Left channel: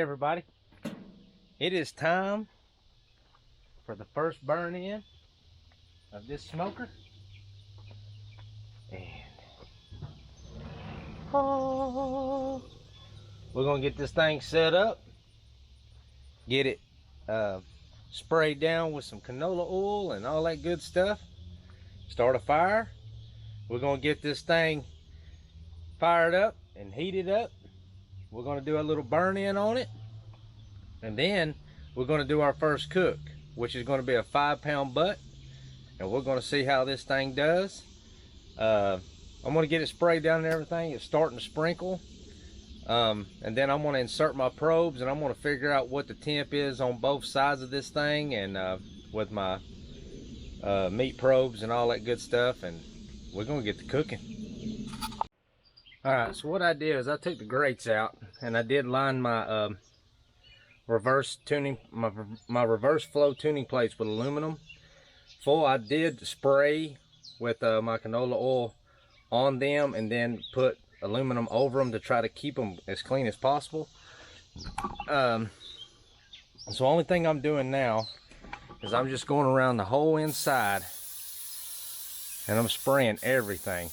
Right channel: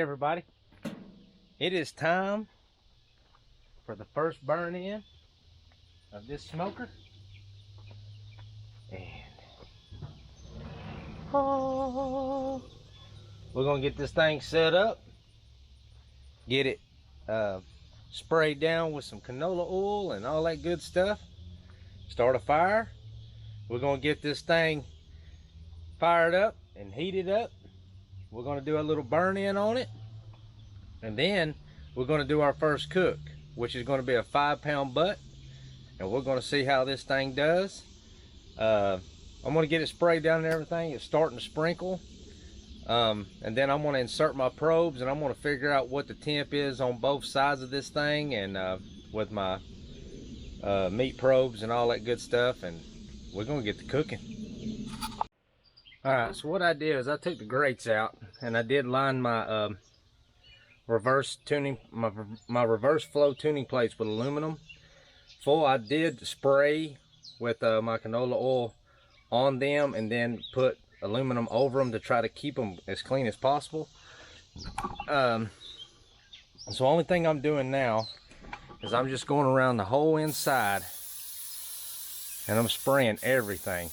Howdy everybody. It is time for the first burn in of this smoker. And we're gonna get this thing set up, get it sprayed down with some canola oil and all that good stuff, start a fire. We're gonna get this thing fired up and heated up. We're gonna do a little burn in on it, and then we're gonna do our first cook, which is gonna be a 5-pound butt, and we're gonna see how this thing does. I'm gonna get it sprayed down and everything. It's starting to sprinkle, and then I'm gonna insert my probes, and I'm gonna figure out what the temp is on both sides of this thing, and with my meat probes and all that good stuff, and we're gonna get to cooking. Alright, so what I did is I took the grates out, and I did line my reverse tuning, my reverse flow tuning plates with aluminum full. I did spray with my canola oil on them, and then put aluminum over them to try to keep them as clean as possible. So the only thing I'm doing now is I'm just going around the whole inside, and I'm spraying everything.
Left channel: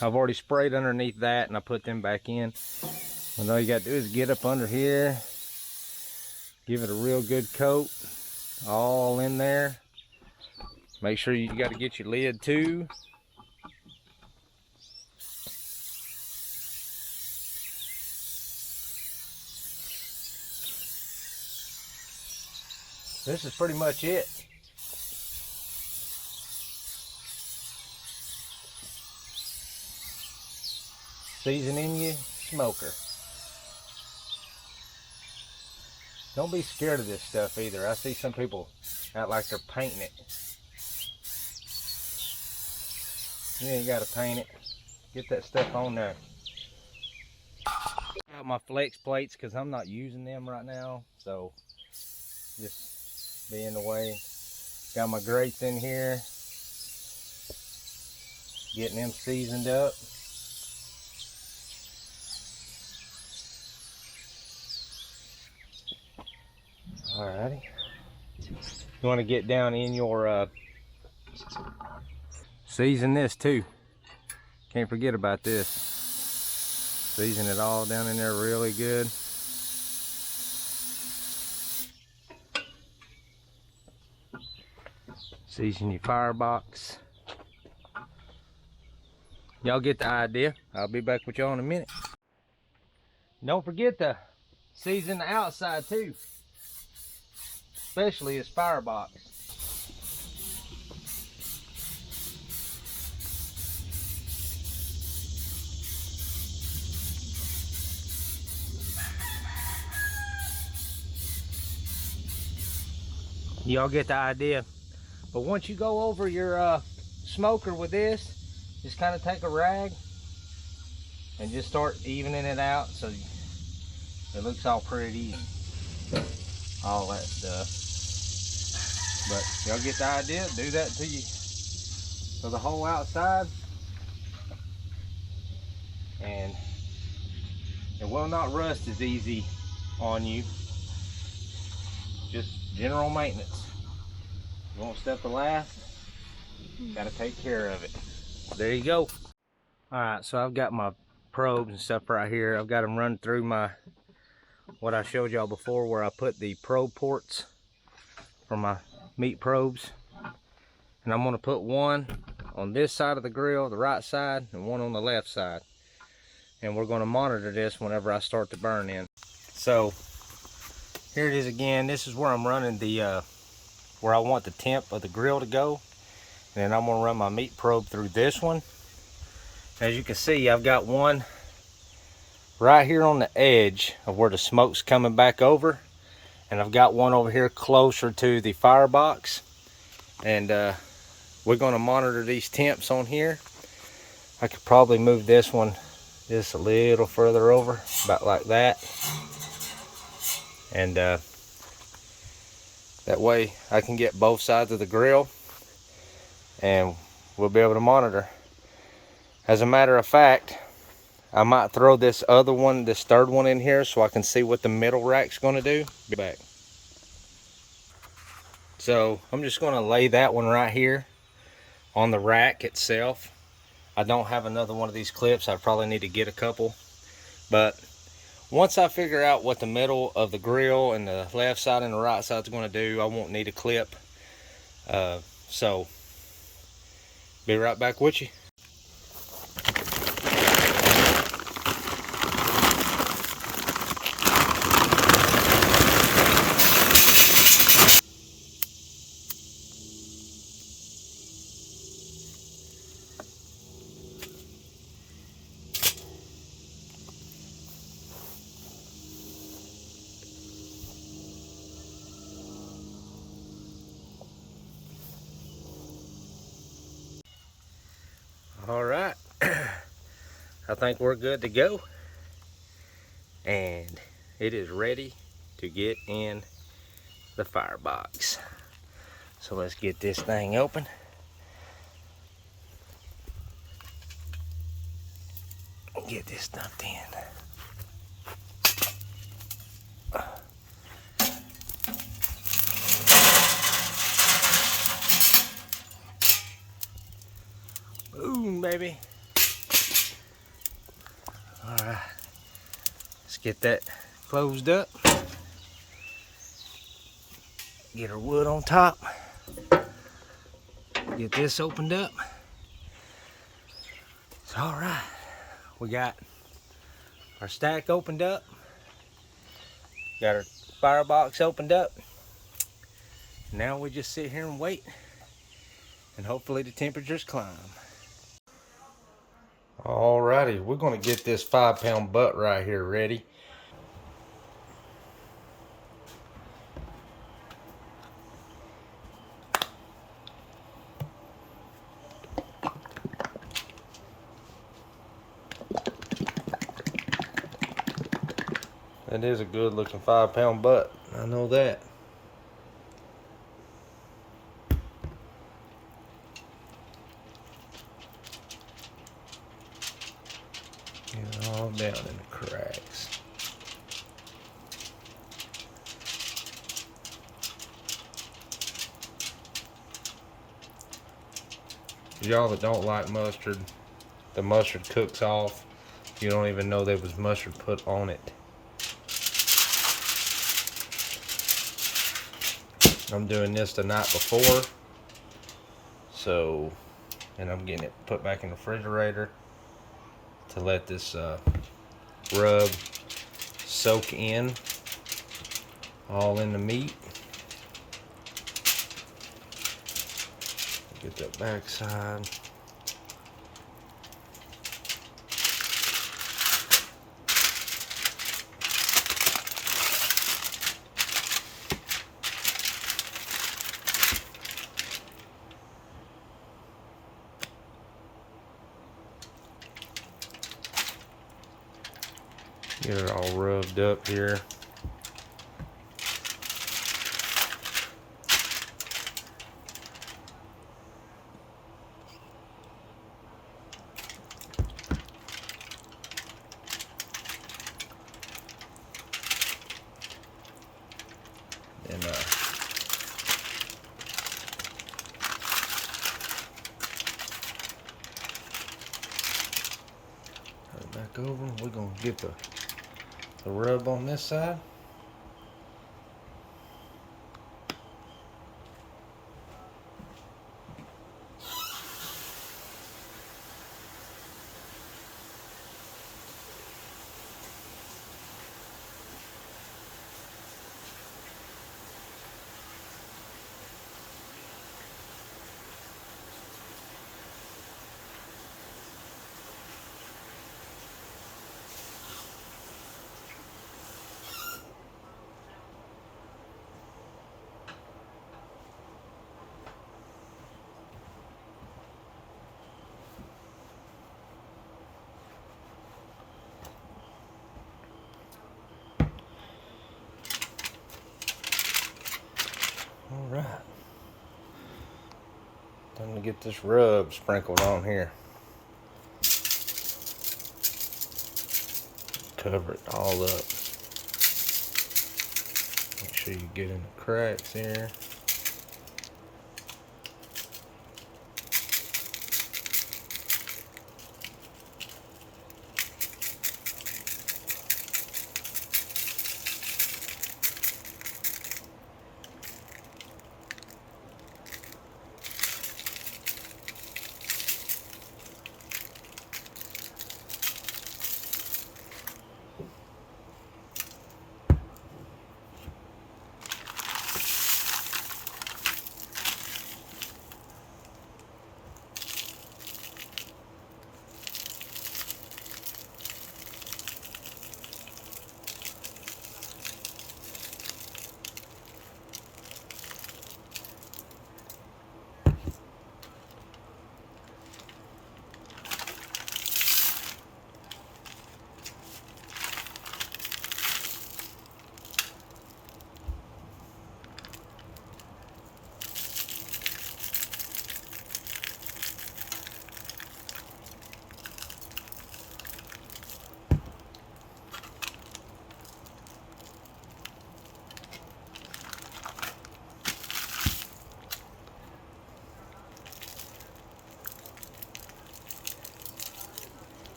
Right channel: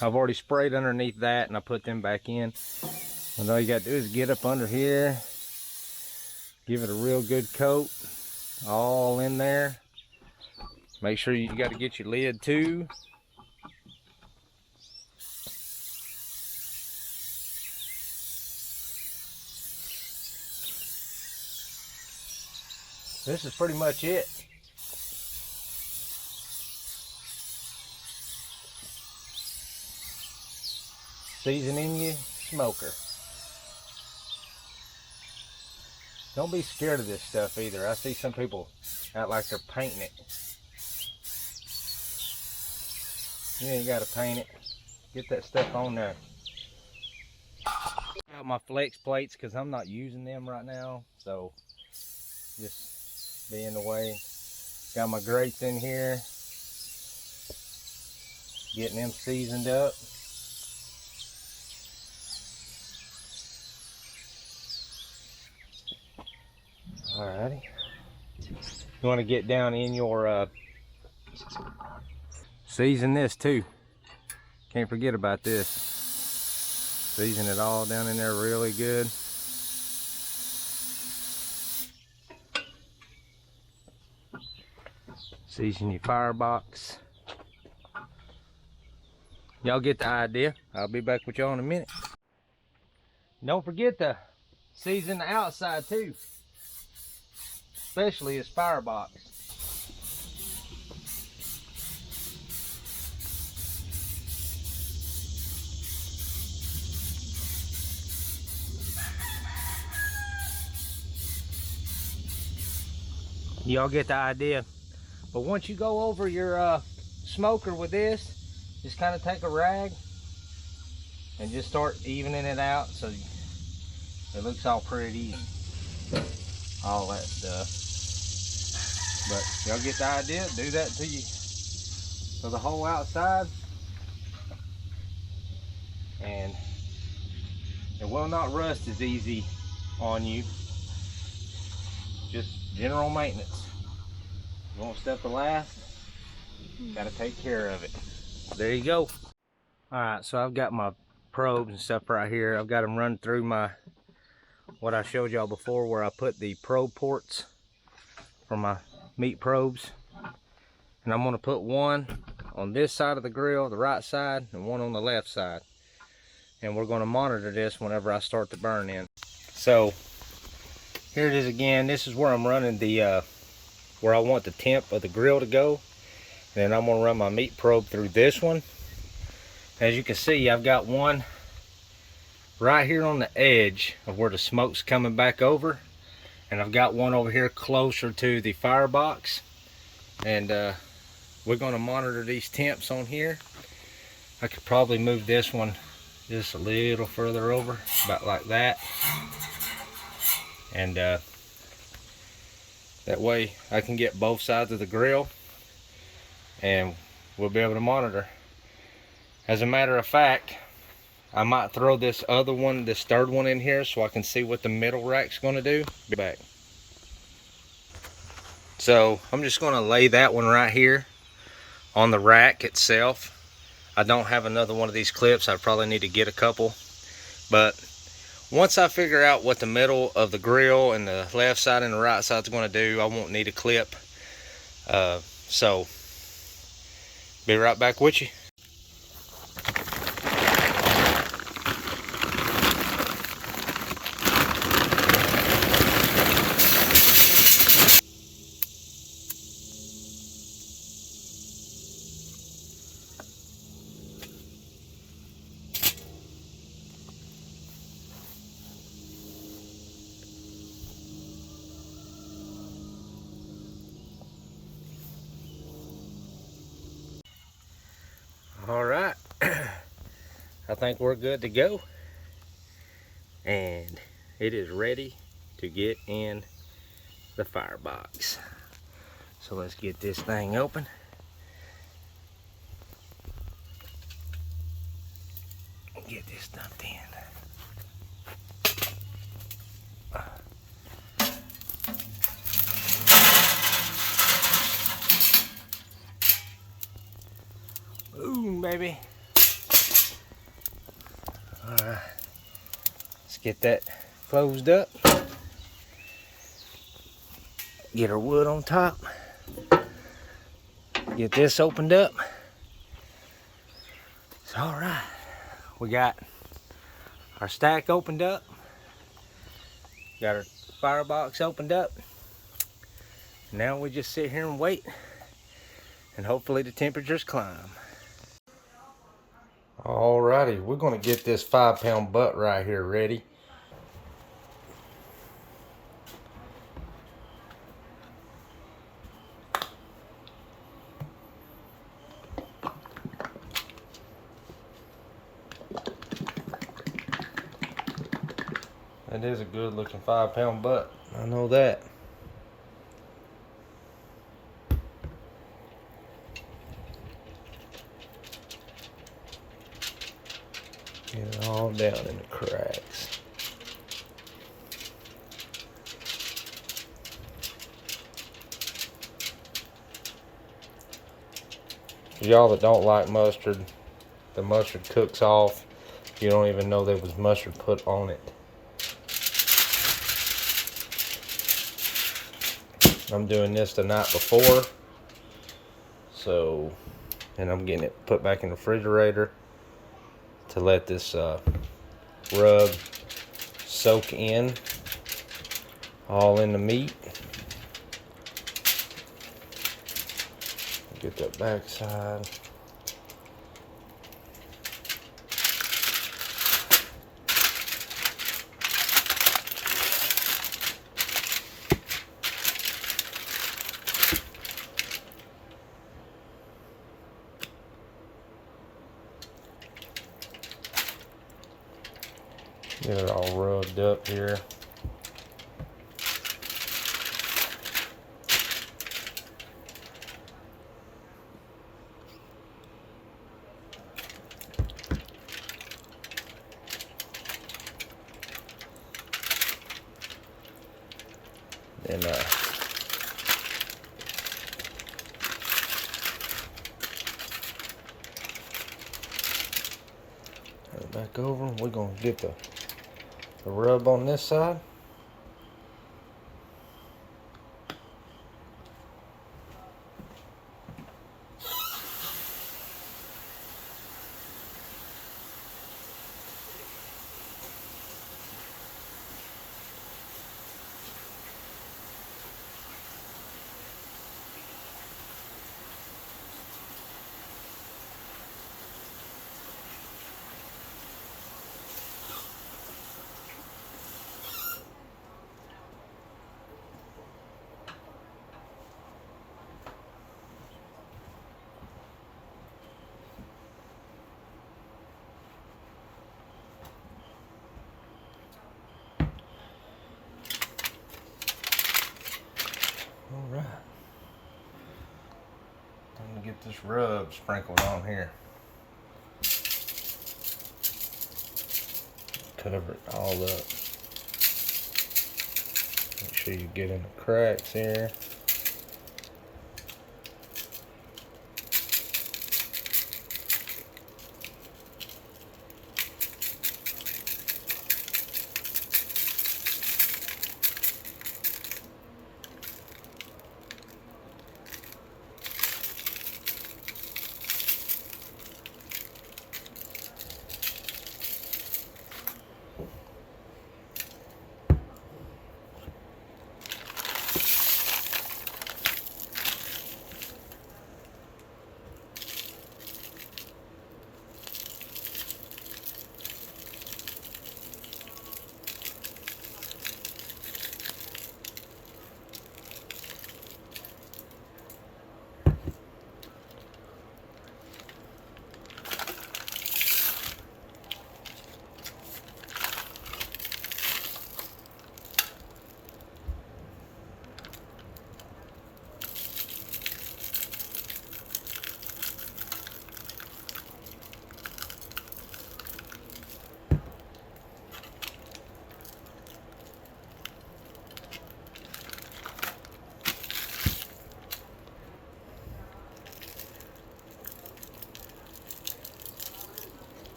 I've already sprayed underneath that, and I put them back in. And all you got to do is get up under here, give it a real good coat, all in there. Make sure you got to get your lid too. This is pretty much it. Seasoning your smoker. Don't be scared of this stuff either. I see some people act like they're painting it. You ain't got to paint it. Get that stuff on there. Got my flex plates because I'm not using them right now, so just be in the way. Got my grates in here, getting them seasoned up. Alrighty. You want to get down in your season this too. Can't forget about this. Season it all down in there really good. Season your firebox. Y'all get the idea. I'll be back with y'all in a minute. Don't forget to season the outside too, especially his firebox. Y'all get the idea. But once you go over your smoker with this, just kind of take a rag and just start evening it out so it looks all pretty, all that stuff. But y'all get the idea. Do that to you for the whole outside, and it will not rust as easy on you. Just general maintenance. You want stuff to last, gotta take care of it. There you go. Alright, so I've got my probes and stuff right here. I've got them run through my, what I showed y'all before, where I put the probe ports for my meat probes. And I'm going to put one on this side of the grill, the right side, and one on the left side. And we're going to monitor this whenever I start to burn in. So here it is again. This is where I'm running the where I want the temp of the grill to go. And then I'm going to run my meat probe through this one. As you can see, I've got one right here on the edge of where the smoke's coming back over, and I've got one over here closer to the firebox. And we're going to monitor these temps on here. I could probably move this one just a little further over, about like that, and that way I can get both sides of the grill, and we'll be able to monitor. As a matter of fact, I might throw this other one, this third one in here so I can see what the middle rack's going to do. Be back. So I'm just going to lay that one right here on the rack itself. I don't have another one of these clips. I probably need to get a couple. But once I figure out what the middle of the grill and the left side and the right side is going to do, I won't need a clip. So be right back with you. All right, I think we're good to go, and it is ready to get in the firebox. So let's get this thing open. Get this stuffed in. Boom, baby. All right, let's get that closed up. Get our wood on top. Get this opened up. So, all right, we got our stack opened up. Got our firebox opened up. Now we just sit here and wait, and hopefully the temperatures climb. Alrighty, we're gonna get this 5-pound butt right here ready. That is a good looking 5-pound butt, I know that. Get it all down in the cracks. For y'all that don't like mustard, the mustard cooks off. You don't even know there was mustard put on it. I'm doing this the night before, so, and I'm getting it put back in the refrigerator to let this rub soak in all in the meat. Get that back side. Get it all rubbed up here. And turn it back over. We're gonna get the rub on this side. get this rub sprinkled on here. Cover it all up. Make sure you get in the cracks here.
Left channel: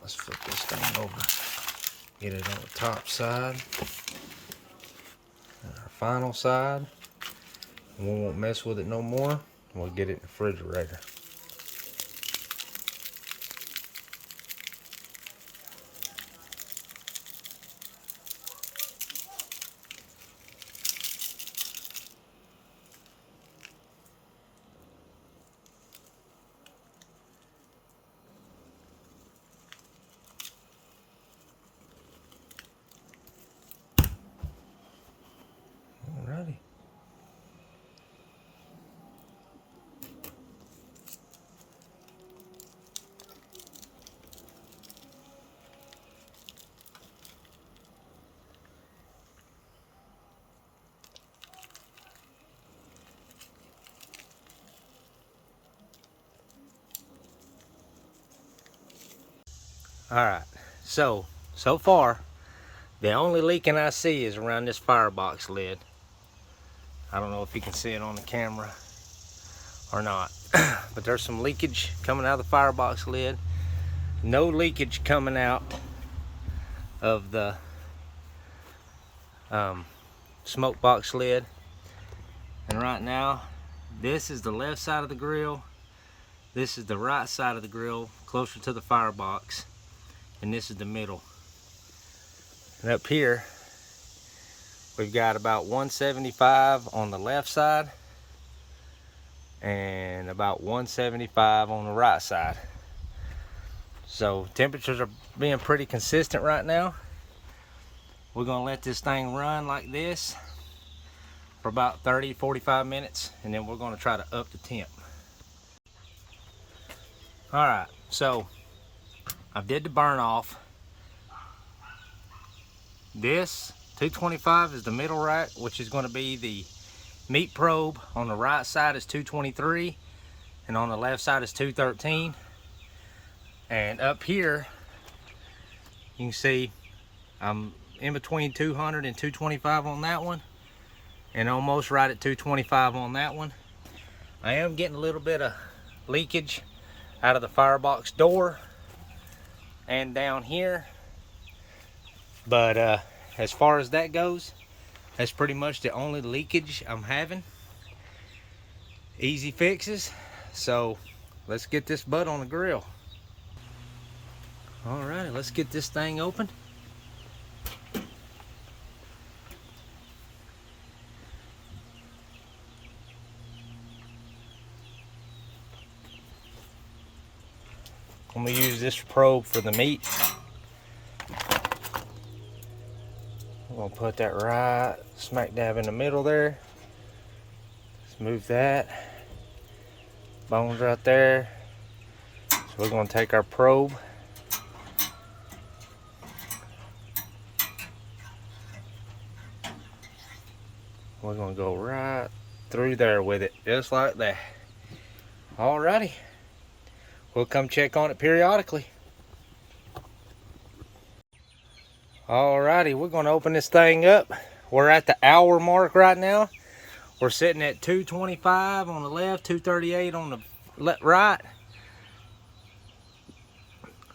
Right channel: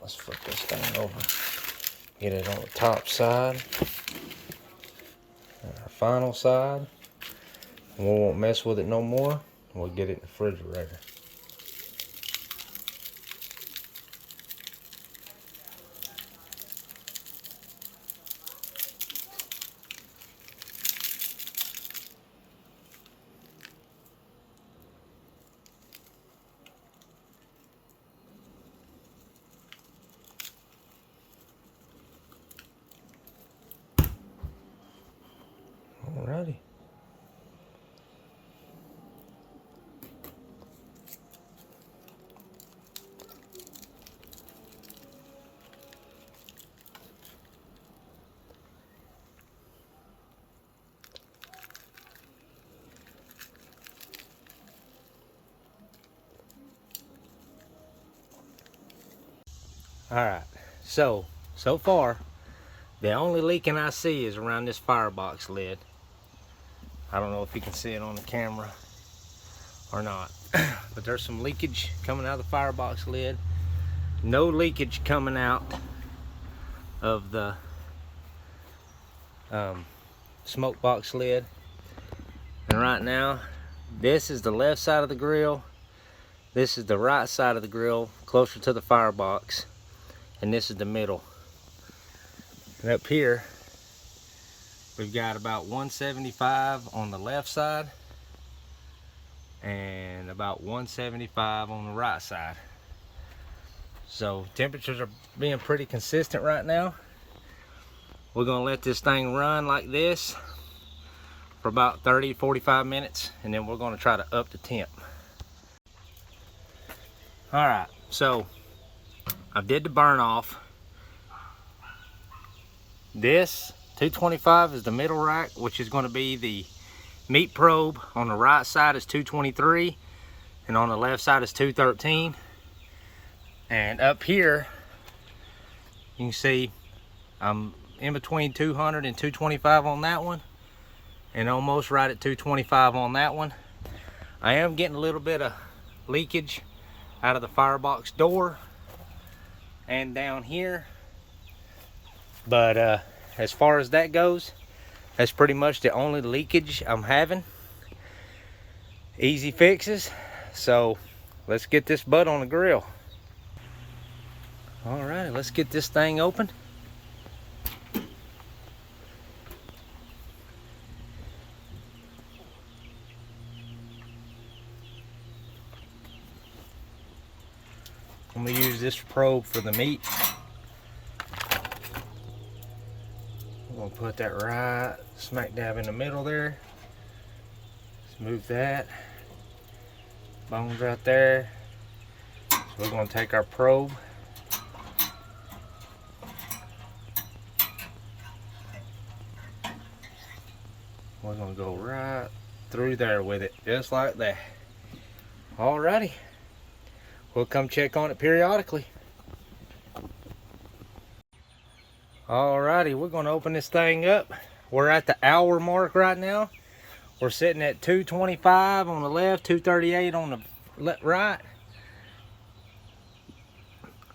Let's flip this thing over. Get it on the top side. And our final side. We won't mess with it no more. We'll get it in the refrigerator. Alrighty. Alright, so far, the only leaking I see is around this firebox lid. I don't know if you can see it on the camera or not, but there's some leakage coming out of the firebox lid. No leakage coming out of the smoke box lid. And right now, this is the left side of the grill. This is the right side of the grill, closer to the firebox. And this is the middle. And up here, we've got about 175 on the left side and about 175 on the right side. So temperatures are being pretty consistent right now. We're gonna let this thing run like this for about 30-45 minutes, and then we're gonna try to up the temp. All right, so I did the burn off. This 225 is the middle rack, which is going to be the meat probe. On the right side is 223, and on the left side is 213. And up here, you can see I'm in between 200 and 225 on that one, and almost right at 225 on that one. I am getting a little bit of leakage out of the firebox door and down here, but as far as that goes, that's pretty much the only leakage I'm having. Easy fixes. So let's get this butt on the grill. Alrighty, let's get this thing open. I'm gonna use this probe for the meat. I'm gonna put that right smack dab in the middle there. Let's move that. Bones right there. So we're gonna take our probe. We're gonna go right through there with it, just like that. Alrighty. We'll come check on it periodically. Alrighty, we're gonna open this thing up. We're at the hour mark right now. We're sitting at 225 on the left, 238 on the right.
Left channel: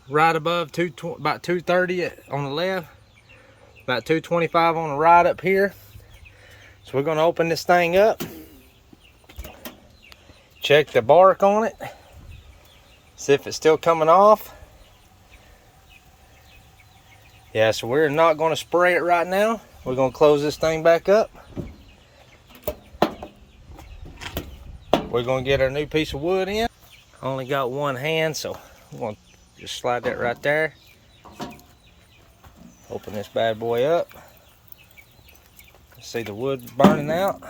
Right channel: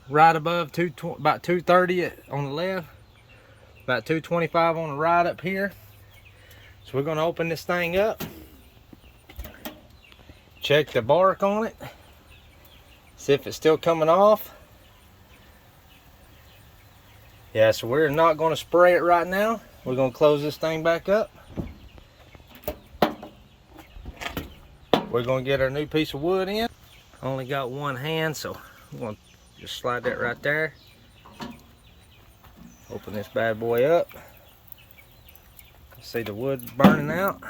Right above about 230 on the left, about 225 on the right up here. So we're gonna open this thing up. Check the bark on it. See if it's still coming off. Yeah, so we're not going to spray it right now. We're going to close this thing back up. We're going to get our new piece of wood in. Only got one hand, so I'm going to just slide that right there. Open this bad boy up. See the wood burning out.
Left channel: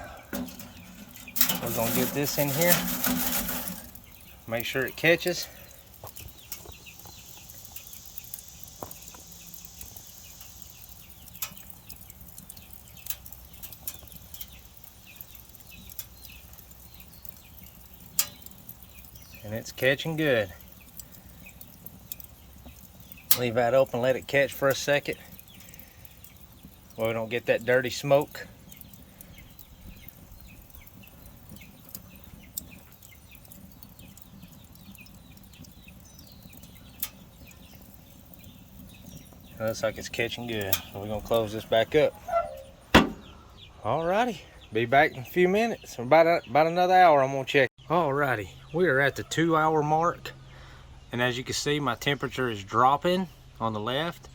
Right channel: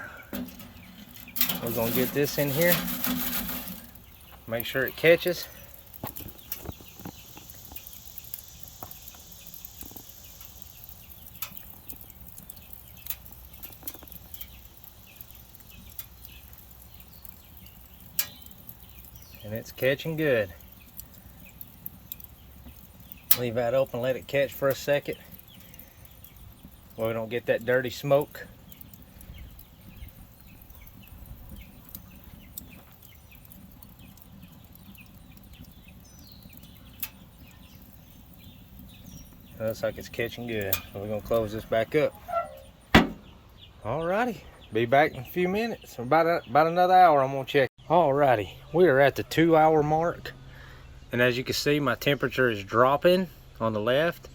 We're going to get this in here. Make sure it catches. And it's catching good. Leave that open, let it catch for a second. Well, we don't get that dirty smoke. It looks like it's catching good. So we're gonna close this back up. Alrighty, be back in a few minutes. About another hour, I'm gonna check. Alrighty, we are at the 2 hour mark. And as you can see, my temperature is dropping on the left.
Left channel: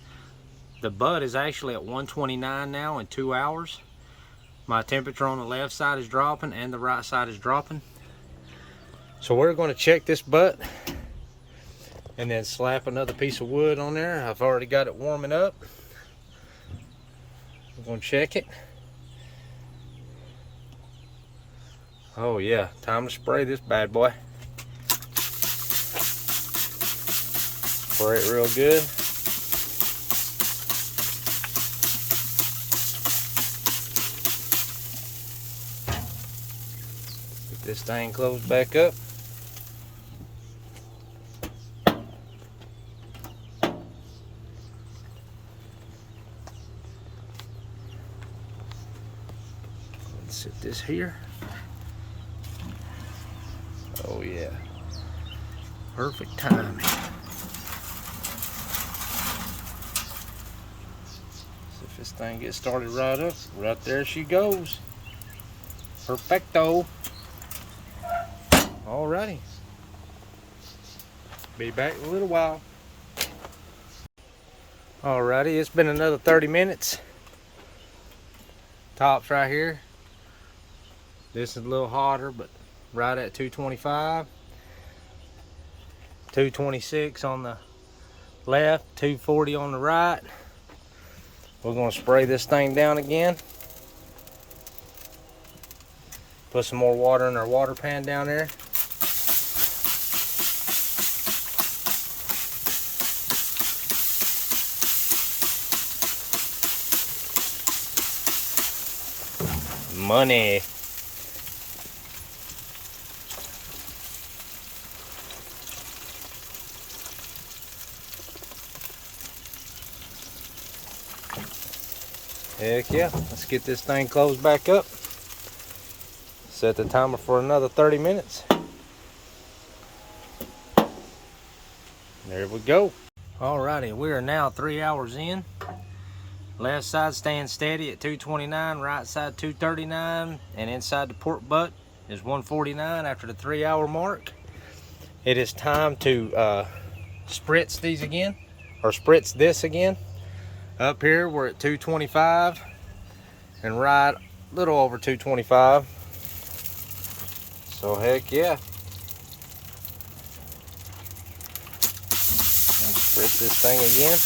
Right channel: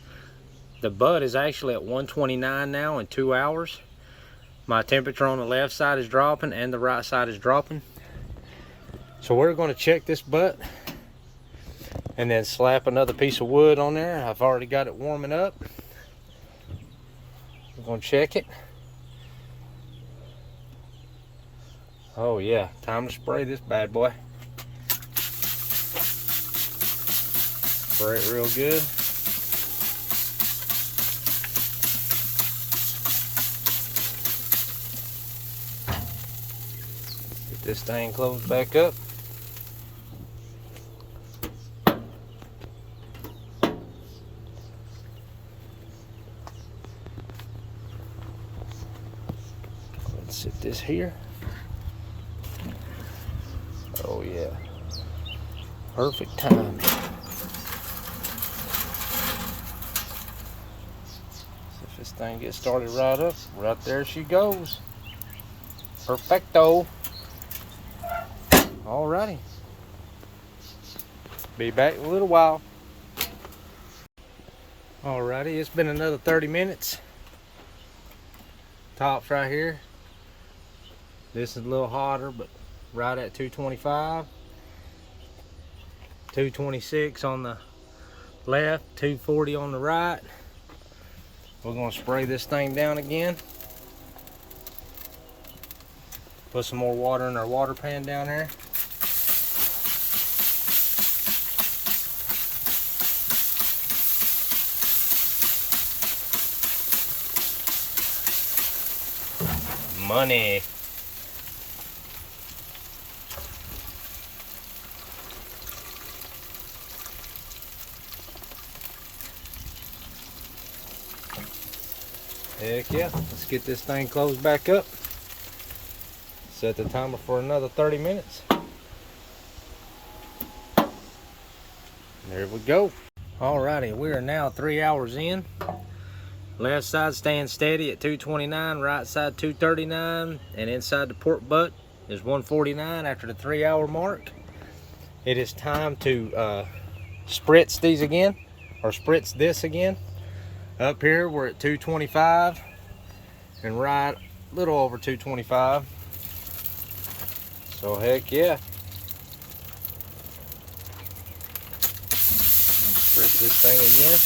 The butt is actually at 129 now in 2 hours. My temperature on the left side is dropping and the right side is dropping. So we're gonna check this butt and then slap another piece of wood on there. I've already got it warming up. We're gonna check it. Oh yeah, time to spray this bad boy. Spray it real good. Get this thing closed back up. Let's sit this here. Oh yeah, perfect timing. See if this thing gets started right up. Right there she goes. Perfecto. Alrighty. Be back in a little while. Alrighty, it's been another 30 minutes. Top's right here. This is a little hotter, but right at 225. 226 on the left, 240 on the right. We're gonna spray this thing down again. Put some more water in our water pan down there. Money. Heck yeah, let's get this thing closed back up. Set the timer for another 30 minutes. There we go. Alrighty, we are now 3 hours in. Left side staying steady at 229, right side 239, and inside the pork butt is 1:49 after the 3-hour mark. It is time to spritz these again, or spritz this again. Up here we're at 225 and right a little over 225. So heck yeah. Spritz this thing again.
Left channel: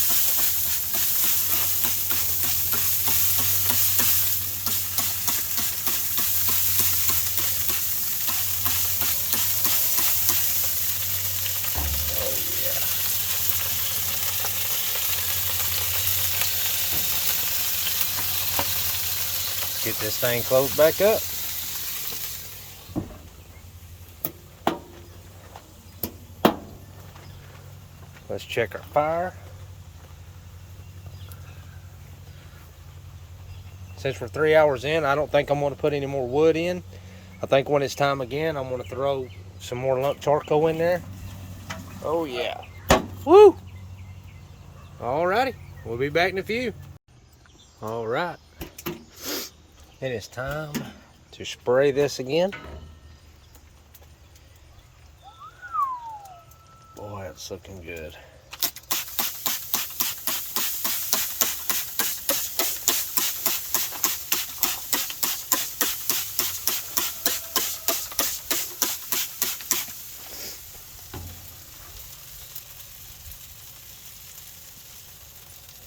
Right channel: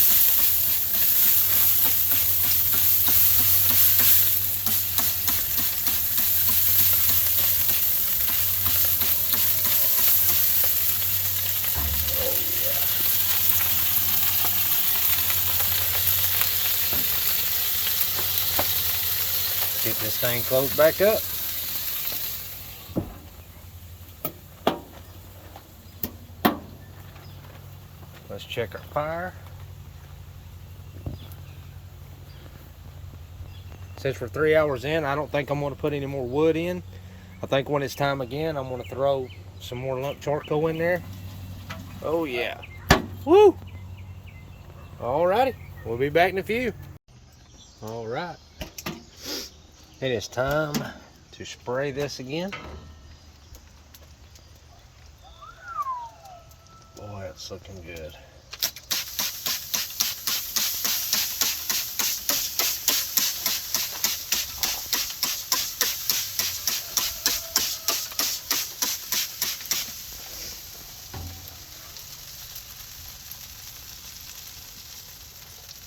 Oh yeah. Let's get this thing closed back up. Let's check our fire. Since we're 3 hours in, I don't think I'm going to put any more wood in. I think when it's time again, I'm going to throw some more lump charcoal in there. Oh yeah. Woo! Alrighty, we'll be back in a few. Alright. It is time to spray this again. Boy, it's looking good.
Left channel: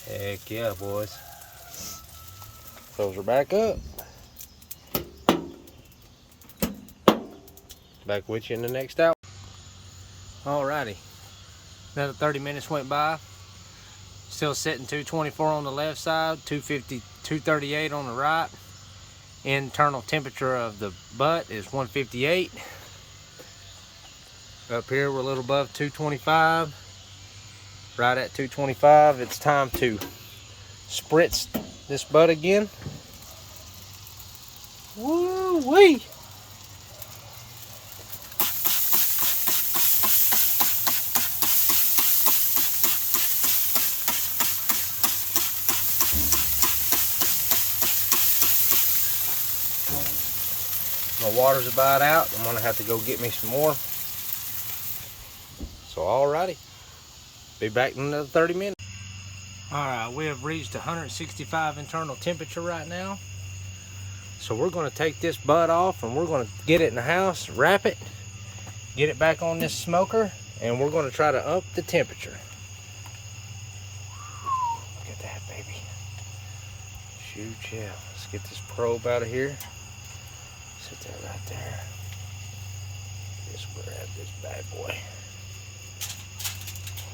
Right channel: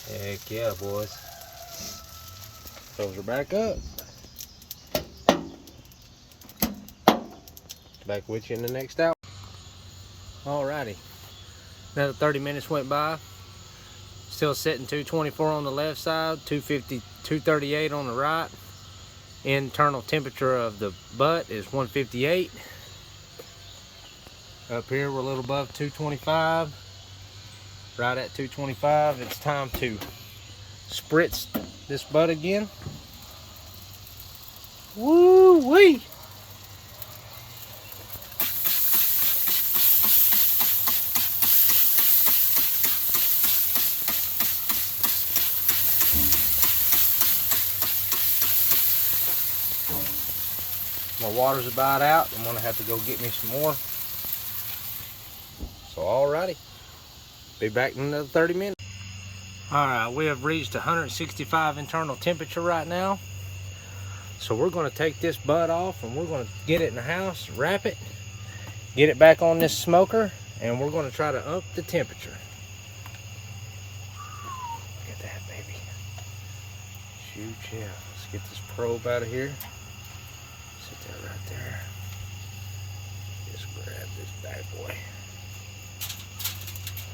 Heck yeah, boys. Close her back up. Back with you in the next hour. Alrighty. Another 30 minutes went by. Still sitting 224 on the left side, 250, 238 on the right. Internal temperature of the butt is 158. Up here we're a little above 225. Right at 225. It's time to spritz this butt again. Woo-wee! My water's about out. I'm gonna have to go get me some more. So alrighty, be back in another 30 minutes. Alright, we have reached 165 internal temperature right now. So we're gonna take this butt off and we're gonna get it in the house, wrap it, get it back on this smoker, and we're gonna try to up the temperature. Look at that, baby. Shoot, yeah. Let's get this probe out of here. Sit there right there. Just grab this bad boy.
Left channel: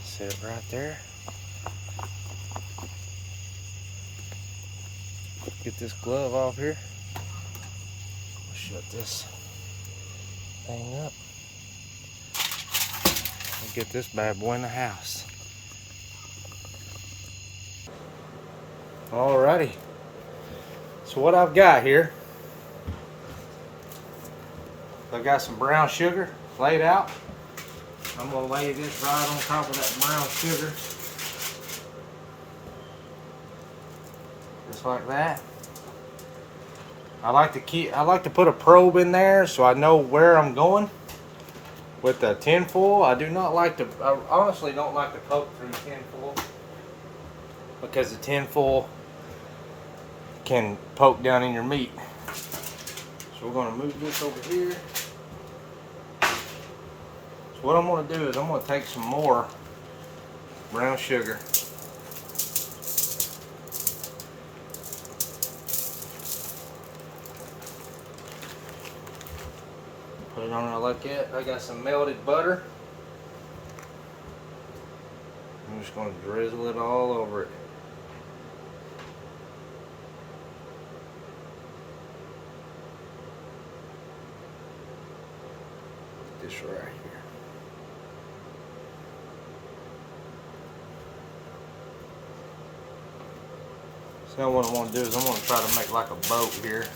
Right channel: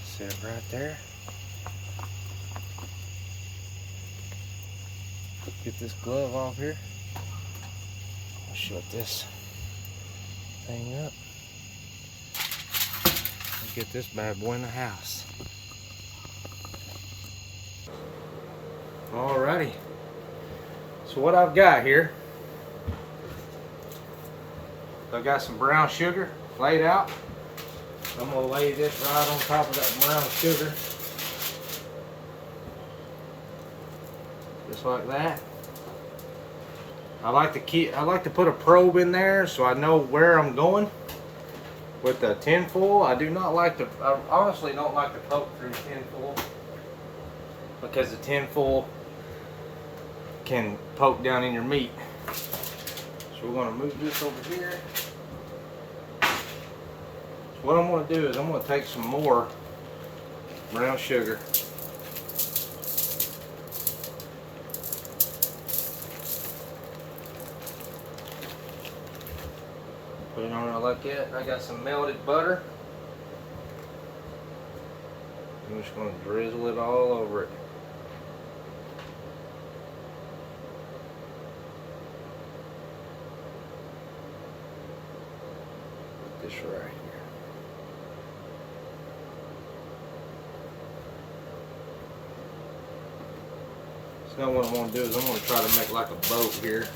Sit it right there. Get this glove off here. I'll shut this thing up. And get this bad boy in the house. Alrighty. So what I've got here, I've got some brown sugar laid out. I'm gonna lay this right on top of that brown sugar. Just like that. I like to put a probe in there so I know where I'm going with the tin foil. I honestly don't like to poke through tin foil because the tin foil can poke down in your meat. So we're gonna move this over here. So what I'm gonna do is I'm gonna take some more brown sugar. Put it on it like that. I got some melted butter. I'm just gonna drizzle it all over it. This right here. So what I'm going to do is I'm going to try to make like a boat here.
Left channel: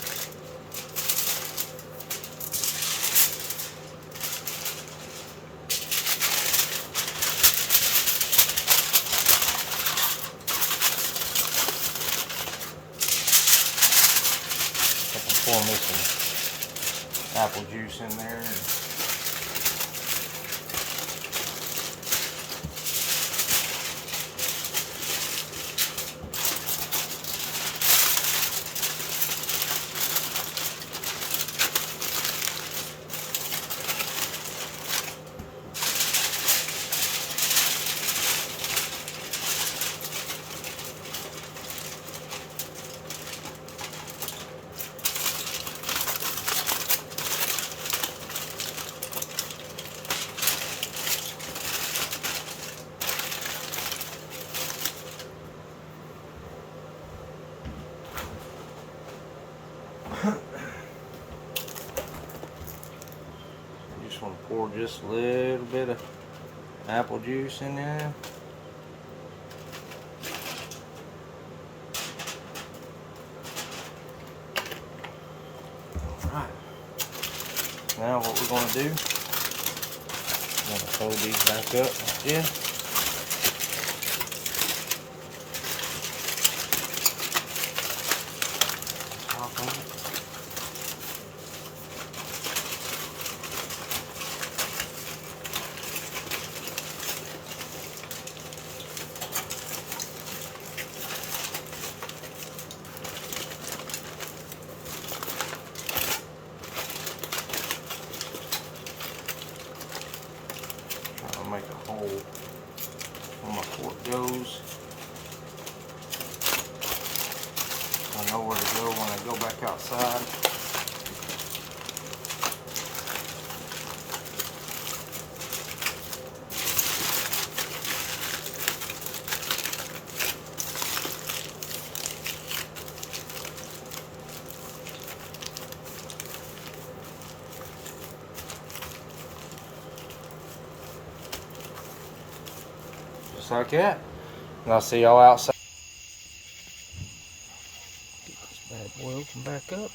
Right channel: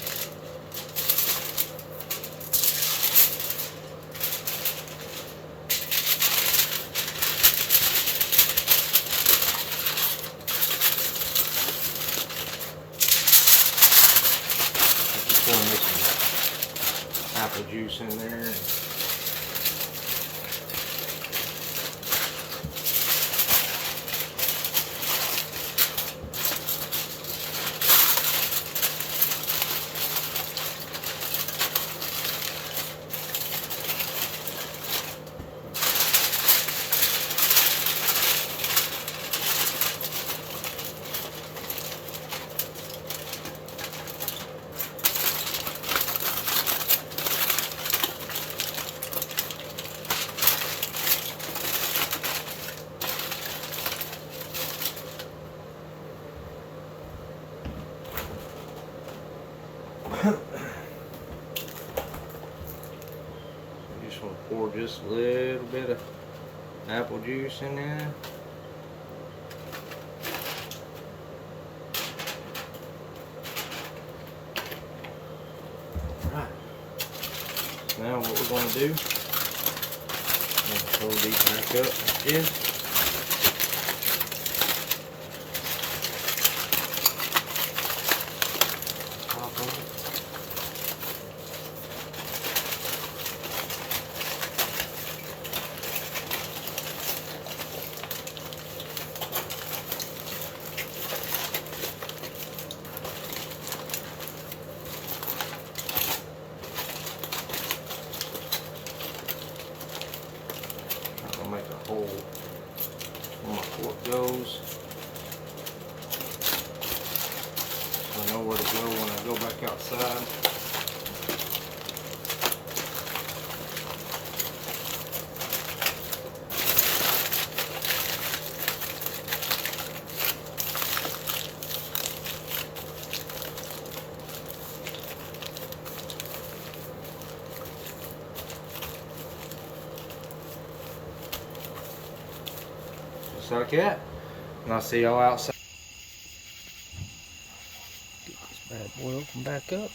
apple juice in there. Just want to pour just a little bit of apple juice in there. Alright. Now what we're going to do, I'm going to fold these back up like this. Top of it. I'll make a hole where my fork goes. So I know where to go when I go back outside. Just like that. And I'll see y'all outside. Get this bad boy open back up.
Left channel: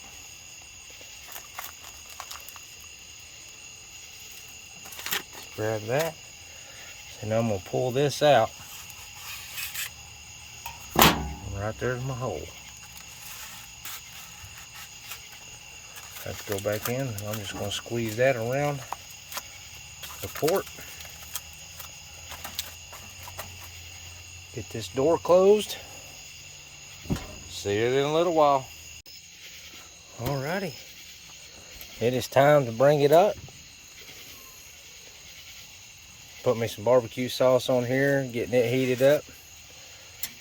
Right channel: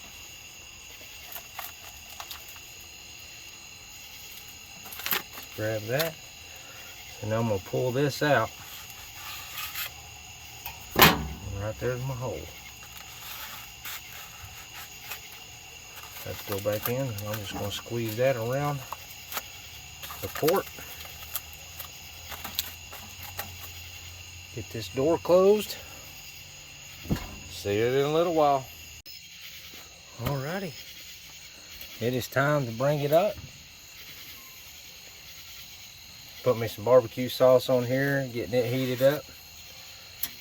Grab that. And I'm going to pull this out. And right there's my hole. Have to go back in. And I'm just going to squeeze that around the port. Get this door closed. See you in a little while. Alrighty. It is time to bring it up. Put me some barbecue sauce on here, getting it heated up.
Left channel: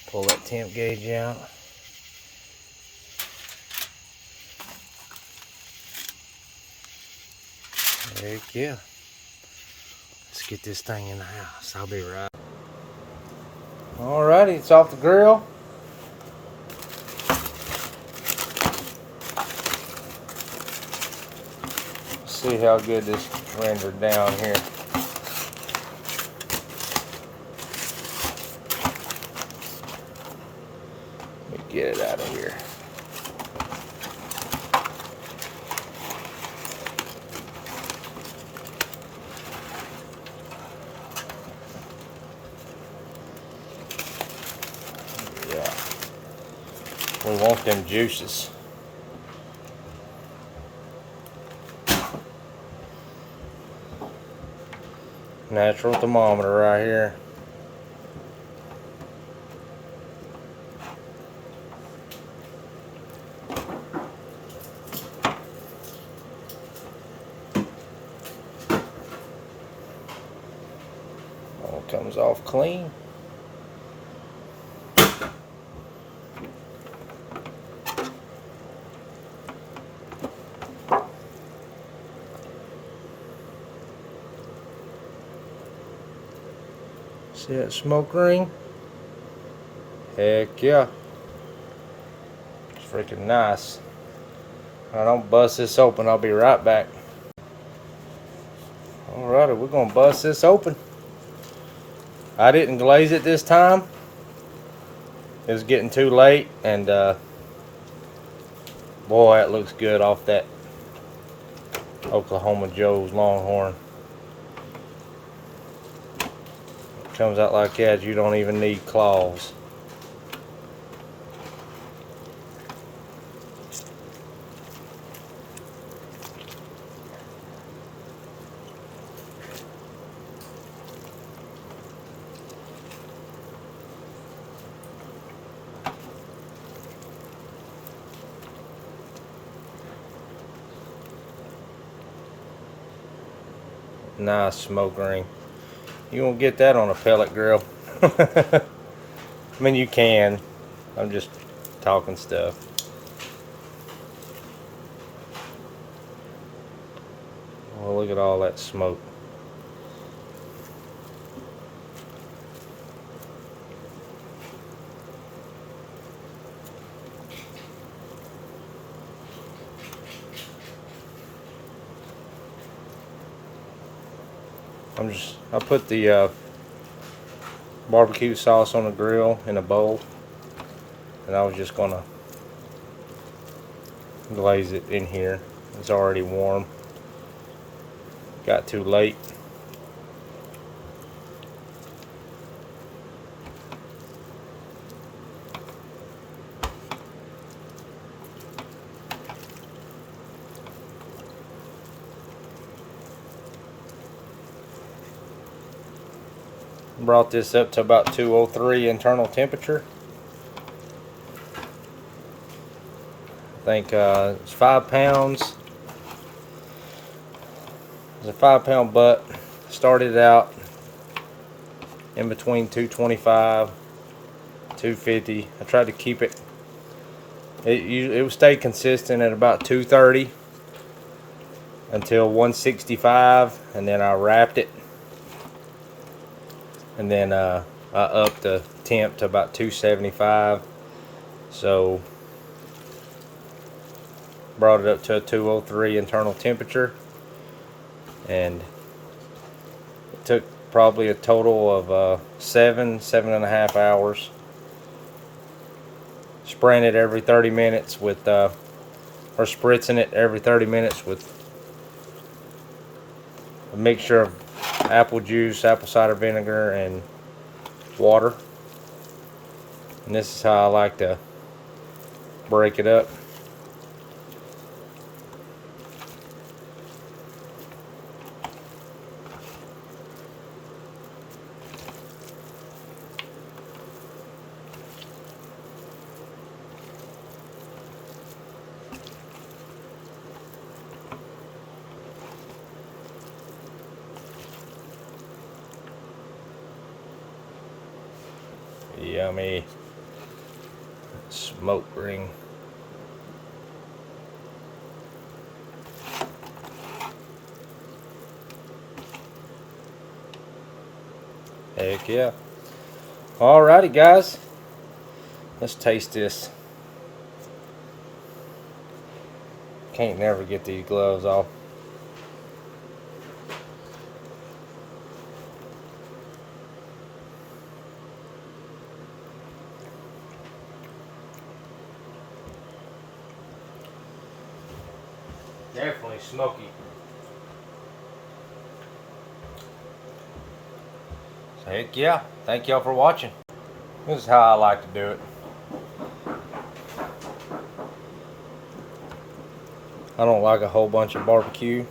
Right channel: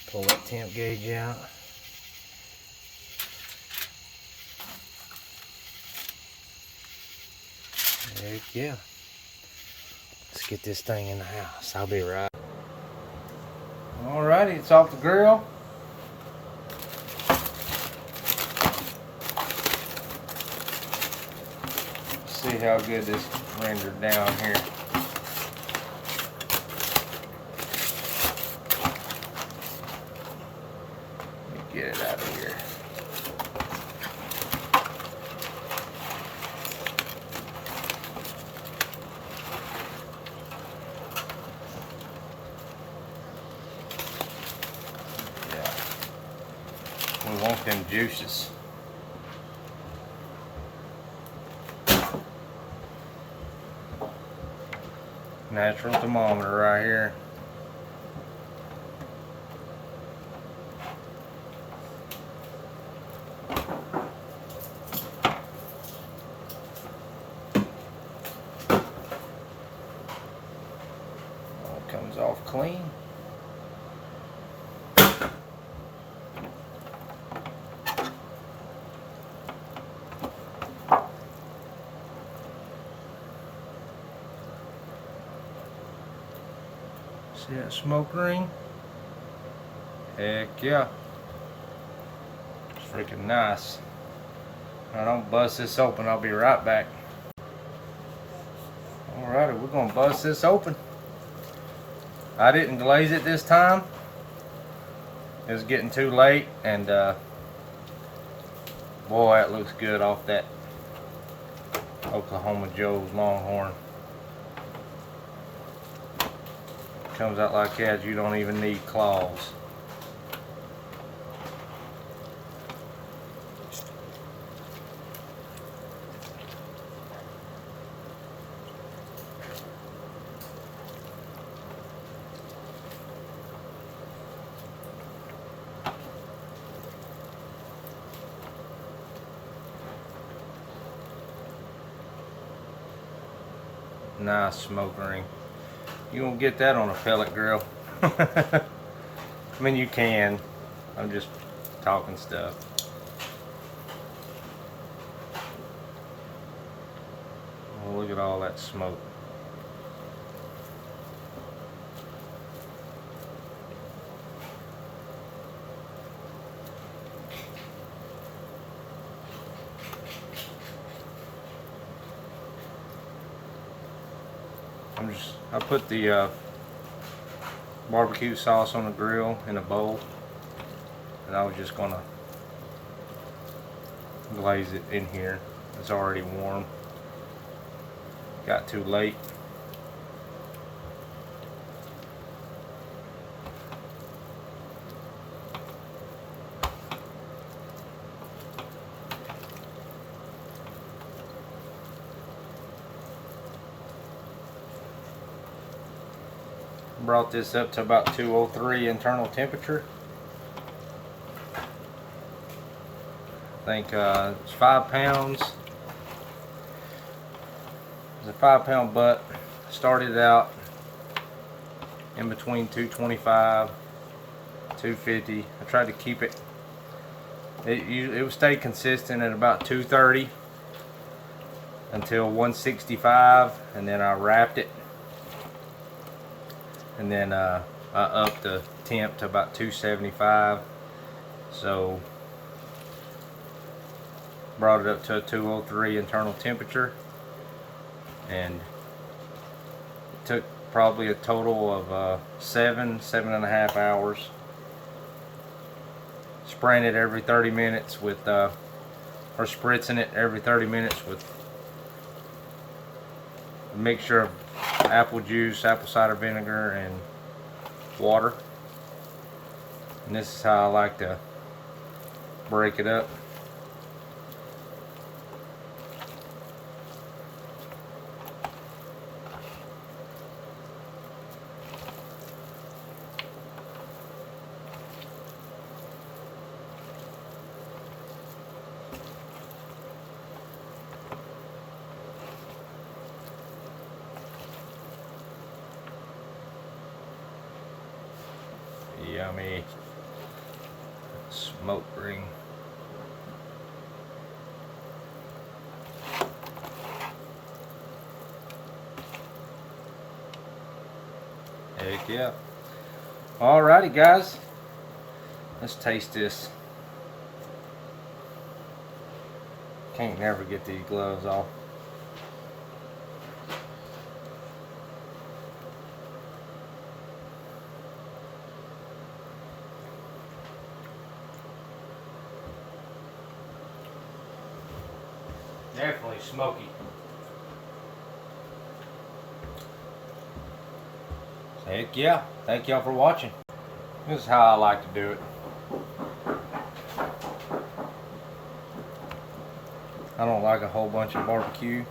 Pull that temp gauge out. Heck yeah. Let's get this thing in the house. I'll be right. Alrighty, it's off the grill. See how good this rendered down here. Let me get it out of here. We want them juices. Natural thermometer right here. All comes off clean. See that smoke ring? Heck yeah. It's freaking nice. I don't bust this open, I'll be right back. Alrighty, we're gonna bust this open. I didn't glaze it this time. It was getting too late, and boy, it looks good off that Oklahoma Joe's Longhorn. Comes out like that, you don't even need claws. Nice smoke ring. You won't get that on a pellet grill. I mean, you can. I'm just talking stuff. Well, look at all that smoke. I put the barbecue sauce on the grill in a bowl, and I was just gonna glaze it in here. It's already warm. Got too late. Brought this up to about 203 internal temperature. I think it's 5 pounds. It's a 5-pound butt. Started out in between 225, 250. I tried to keep it. It would stay consistent at about 230 until 165, and then I wrapped it. And then I upped the temp to about 275. So brought it up to a 203 internal temperature, and it took probably a total of 7.5 hours. Spraying it every 30 minutes with or spritzing it every 30 minutes with a mixture of apple juice, apple cider vinegar, and water. And this is how I like to break it up. Yummy smoke ring. Heck yeah. Alrighty guys, let's taste this. Can't never get these gloves off. Definitely smoky. Heck yeah. Thank y'all for watching. This is how I like to do it. I don't like a whole bunch of barbecue.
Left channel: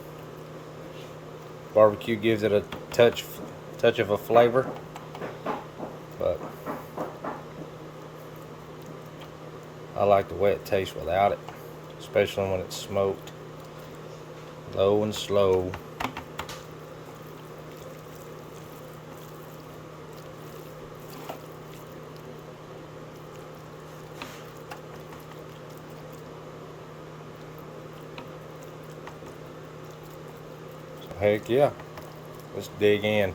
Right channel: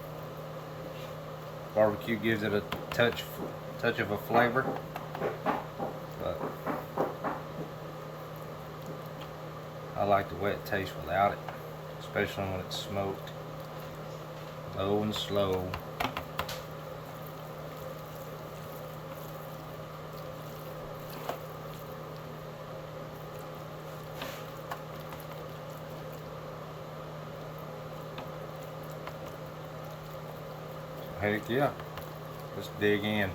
Barbecue gives it a touch of a flavor. But I like the way it tastes without it. Especially when it's smoked. Low and slow. Heck yeah. Let's dig in.